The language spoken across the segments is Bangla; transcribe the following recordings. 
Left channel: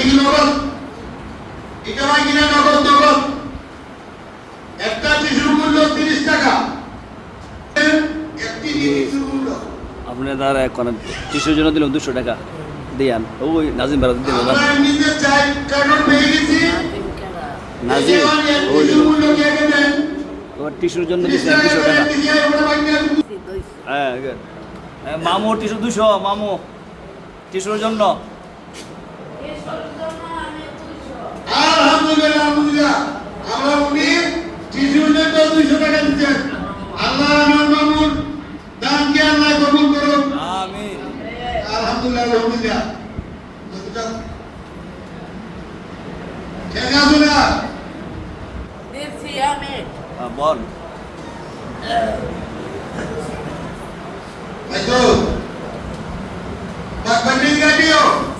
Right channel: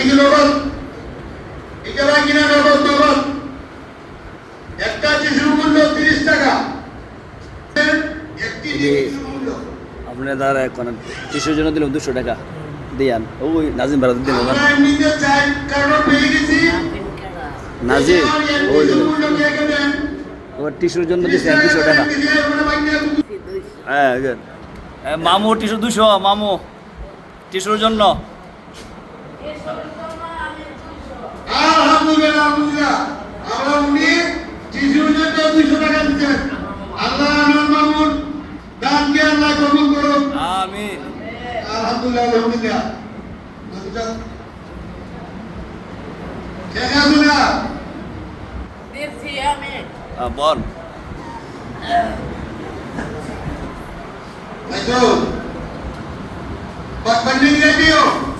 এটা কি নগদ? এটা বাকি না নগদ নগদ। একটা টিস্যুর মূল্য তিরিশ টাকা। একটি টিস্যুর মূল্য। আপনার দ্বারা এখন টিসুর জন্য দিলাম দুশো টাকা। দিয়ান। ওই নাজিম ভাড়া দিন নাজিম ওই টিস্যুর ওর জন্য দুশো টাকা। হ্যাঁ. এ, মামু টিসু দুশো মামু। টিসুর জন্য। আলহামদুলিল্লাহ আলহামদুলিল্লাহ। উনি শিশুদেরকে দুইশো টাকা দিচ্ছেন। আল্লাহ আমার মামুন দানকে আল্লাহ গ্রহণ Thank you.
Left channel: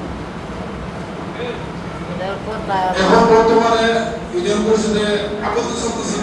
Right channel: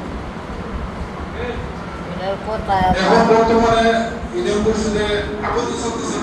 এখন বর্তমানে ইউনিয়ন পরিষদে চলতেছে